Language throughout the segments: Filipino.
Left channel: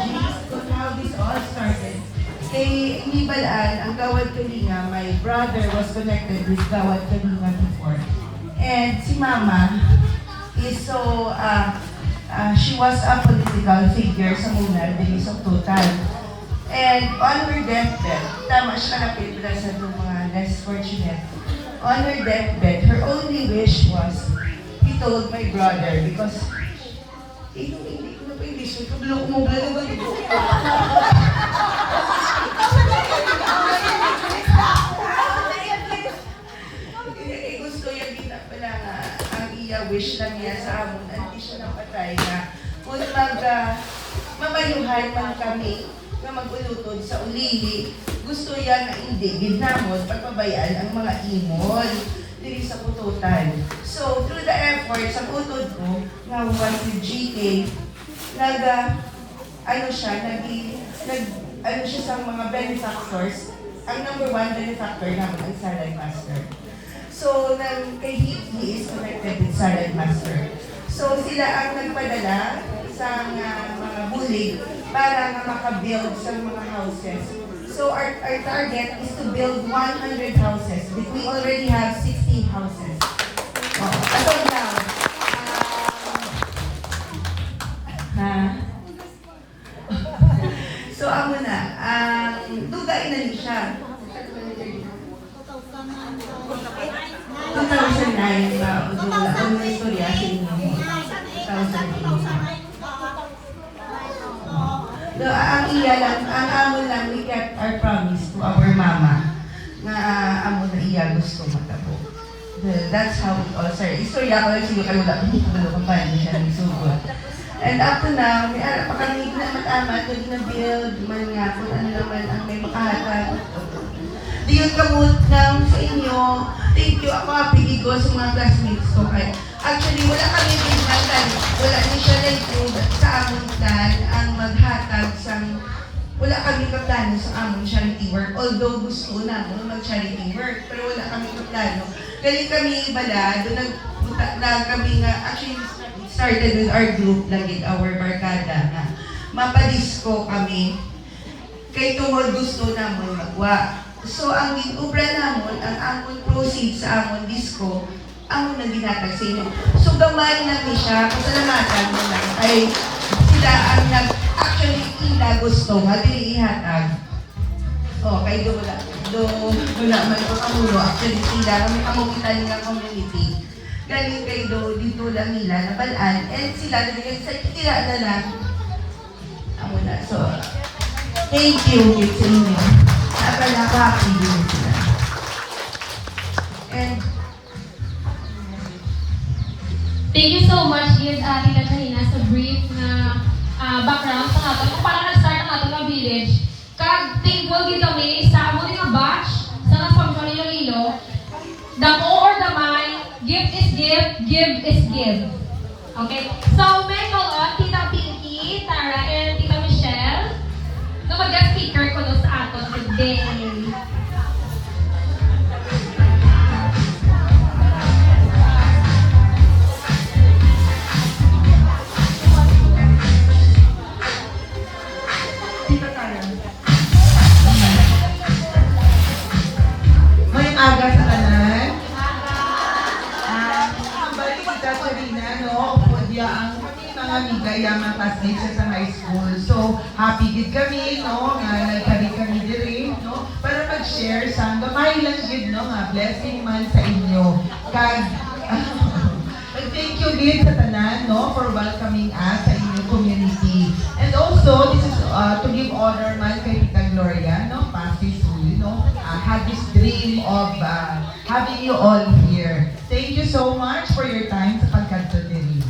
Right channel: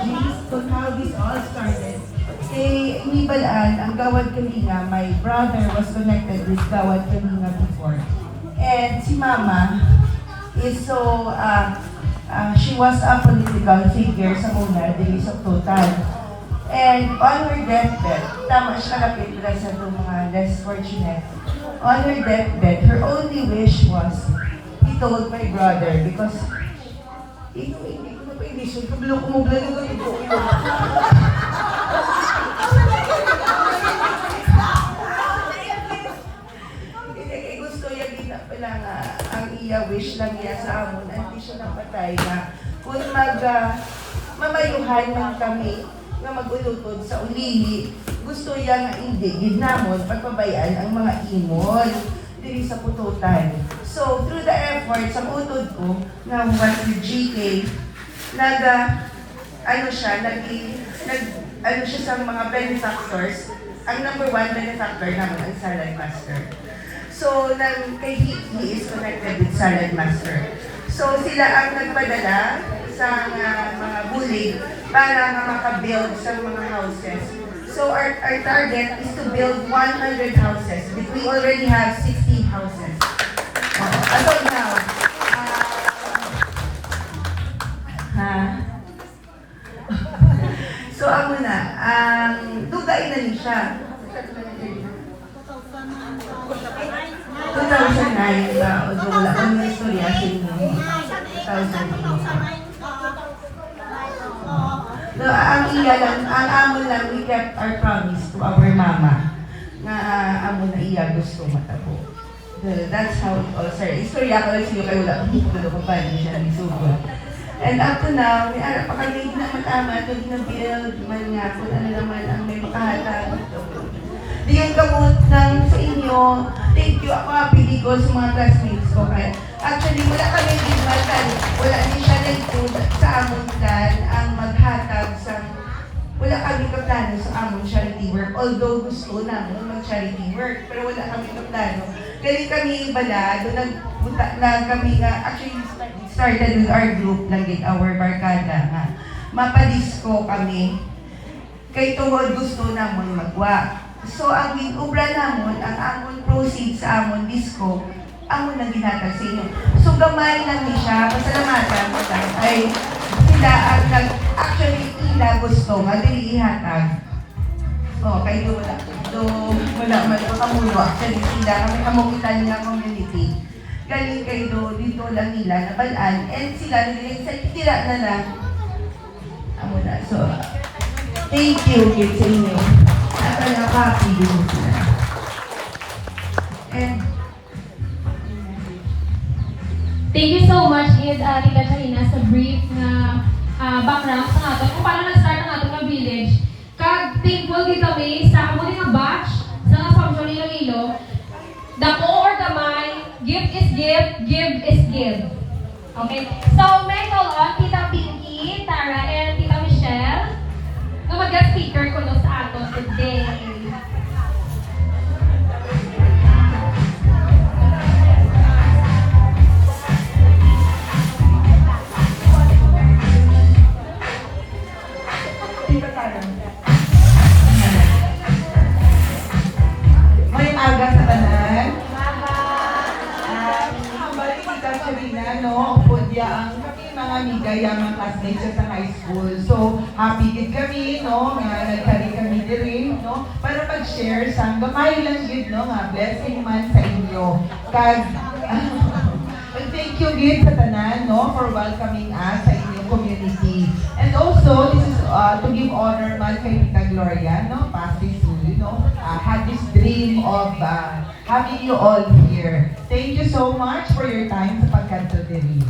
G's, kung how this all started. Kay Inibalaan, ang Gawad Kalinga, my brother was connected with Gawad Kalinga before. And si Mama is so, she was a political figure sa muna, days of total. And on her deathbed, tama siya kalapit na sa mga less fortunate. On her deathbed, her only wish was, he told my brother, because, hindi ko na pa i-listen, kablok mo, gano'n ito. Gusto yan din na pala nga, ang iya wish lang niya sa amon, hindi siya napatay na, kung mamayuhan man kami, nga mag-ulutod sa ulihi, gusto yan na hindi, ginamon, pagpabayaan ang mga imol diri sa pututan. So, through the efforts, ang utod ko, nga humas ni GK, ano siya sa mga benefactors, ang number 1 benefactor naman ang Salad Master. So, he is connected with Salad Master. So, sila ang nagpadala sa mga bulig para makabuild sa mga houses. So, our target is to build 100 houses. We already have 60 houses. As of now, so, amo na, dugay na rin siya. 2009, wala akong istorya sa inyo. 2009. So, ang amon lang, we kept our promise to our mama. Nga amon na iya gusto matabo. That's how it all started. Istorya ko rin siya kayo lang. Wala ko pa niya siya nisugot. And up to now, may ara pa kami na matama, kung na-build, man nga, kung ano naman ang may makahatag. Di yung gamot lang sa inyo. Thank you. Ako apigi ko sa mga classmates ko. Actually, wala kami din man. Wala ni siya rin sa amon dad ang maghatag sa wala kami kaplano sa amon charity work. Although gusto namin mag-charity work, pero wala kami kaplano. Kaya kami bala, doon nagpunta na kami nga, actually started with our group, laging our barkada na mapadisko kami. Kay tuhod gusto namin magwa. So, ang ubra namon, ang amon proceeds sa amon disco, amon na ginatag sa inyo. So, gamay lang ni siya, pasalamatan mo lang, ay sila ang actually, ila gusto, madili ihatag. So, kay wala man makamuno, actually sila, kami kamukitan ng community. Galing kayo dito lang nila, nabalaan, and sila sa tira na lang. Amo na, so, thank you, kids sa inyo. Nakakapili sila. And, thank you so much, Tita Karina, sa brief na background sa ato. Kung paano nag-start ang ato ng village, thankful din kami sa among nga batch sa Assumption Iloilo. Dako or gamay, gift is gift, give is give. Okay? So, may call on Tita Pinky, Tara, and Tita Michelle na mag-guest speaker ko sa ato today. Mga classmates sa high school. So, happy gid kami, no, nga nagkari kami diri, no, para mag-share sa gamay lang gid, no, nga blessing man sa inyo. Kag, thank you gid sa tanan, no, for welcoming us sa inyong community. And also, this is to give honor man kay Tita Gloria, no, Pastor Sue, no, had this dream of having you all here. Thank you so much for your time sa pagkanto diri.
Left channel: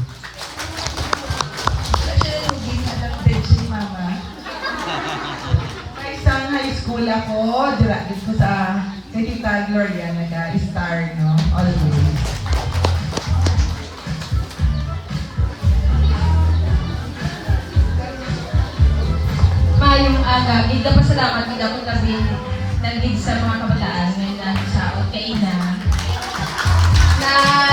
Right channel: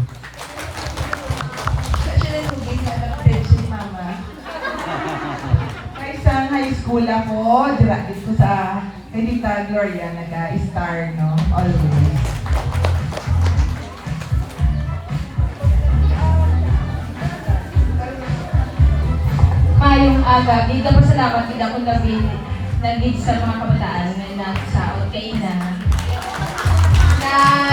High school ako, dito ko sa Tita Gloria, nag-star, no? Always. Maayong aga, dito pa salamat kita kung kami nag-lead sa mga kabataan na sa Al-Qaeda. Na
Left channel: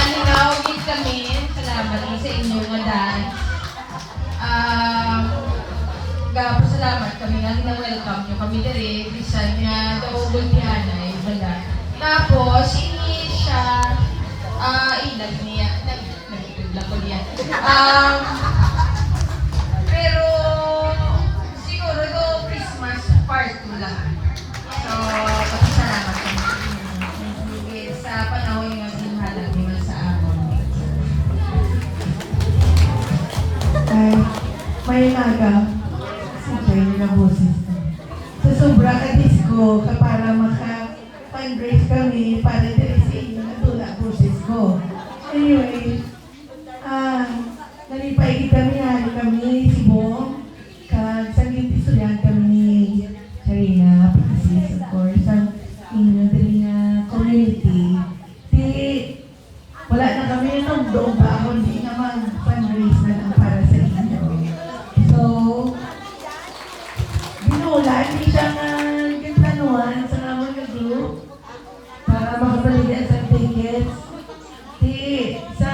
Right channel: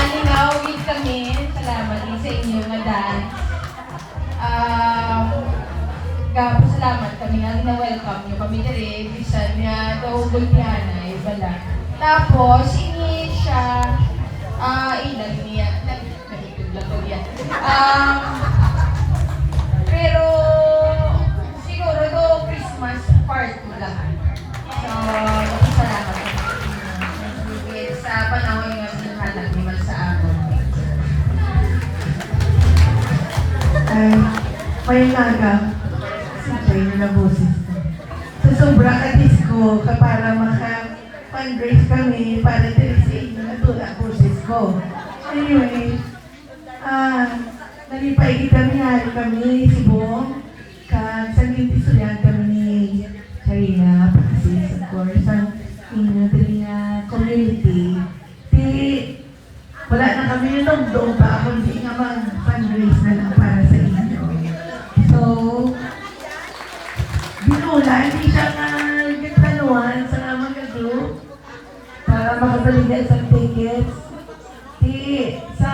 linawagin kami, salamat din sa inyo nga dahil Salamat kami na welcome nyo kami diri bisan nga to Gulpianay wala. Tapos ini siya ilag niya nagtutulak ko niya. Pero siguro do Christmas part mo lang. So, salamat kami. Sa panahon nga binhala ni man sa amon. May naga, si Jay na boses ko. Sa sobra ka disco, para maka-fundraise kami, para din sa inyo na tula boses ko. Anyway, nalipay kita minari kami, si Bong, kag sa gintisulyan kami ni Karina, Pasis, of course, ang inyo din nga community. Wala na kami nung doon pa ako, hindi nga mag-fundraise na lang para sa inyo. So, binulan, hindi siya nga gitanuan sa nga mag-group para makataligyan sa tickets. Sa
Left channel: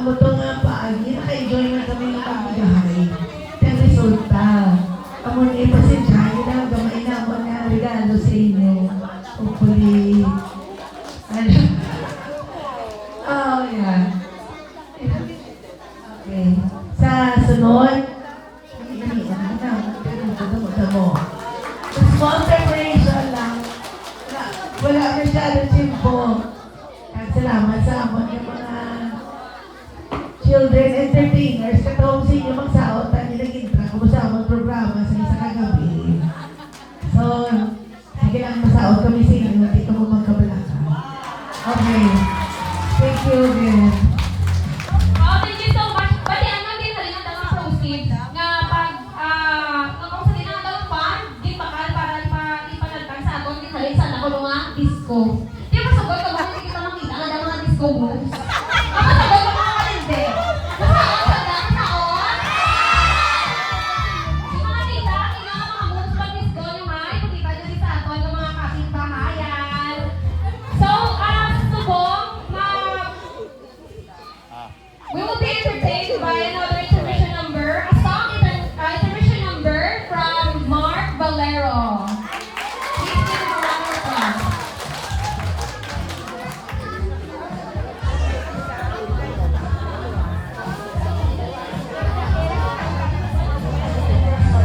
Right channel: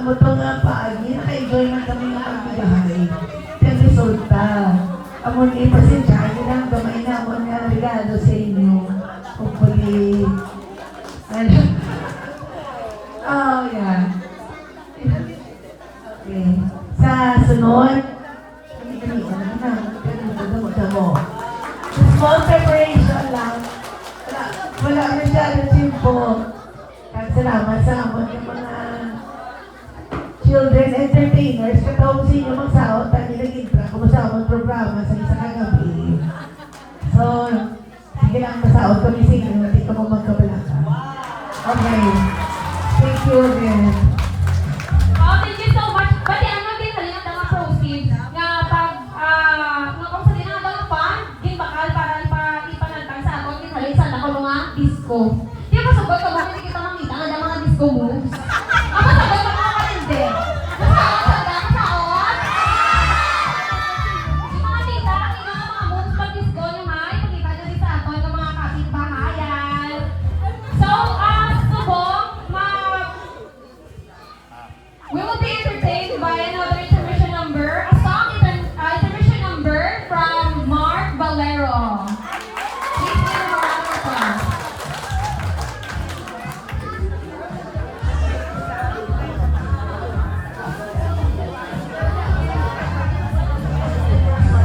umuto nga paagi, naka-enjoy na kami ng pagbigahay. Sa resulta, ako ni pasensyahin na gamay na ako na regalo sa inyo. Hopefully, oh, yeah. Okay. Sa sunod, small preparation lang. Wala masyadong simple. At salamat sa mga children entertainers. Katawag sa inyo magsahot, tayo nag-intra kung masahot programa sa isa kagabi. So, sige lang masahot kami sa inyo, hindi ka mo magkabalaka. Okay. Thank you again. Oh, thank you so much. Pati ano din sa mga proceeds nga pag kung sa dinang dalawang di bakal para ipanaltan sa atong din sa nakulungan disco.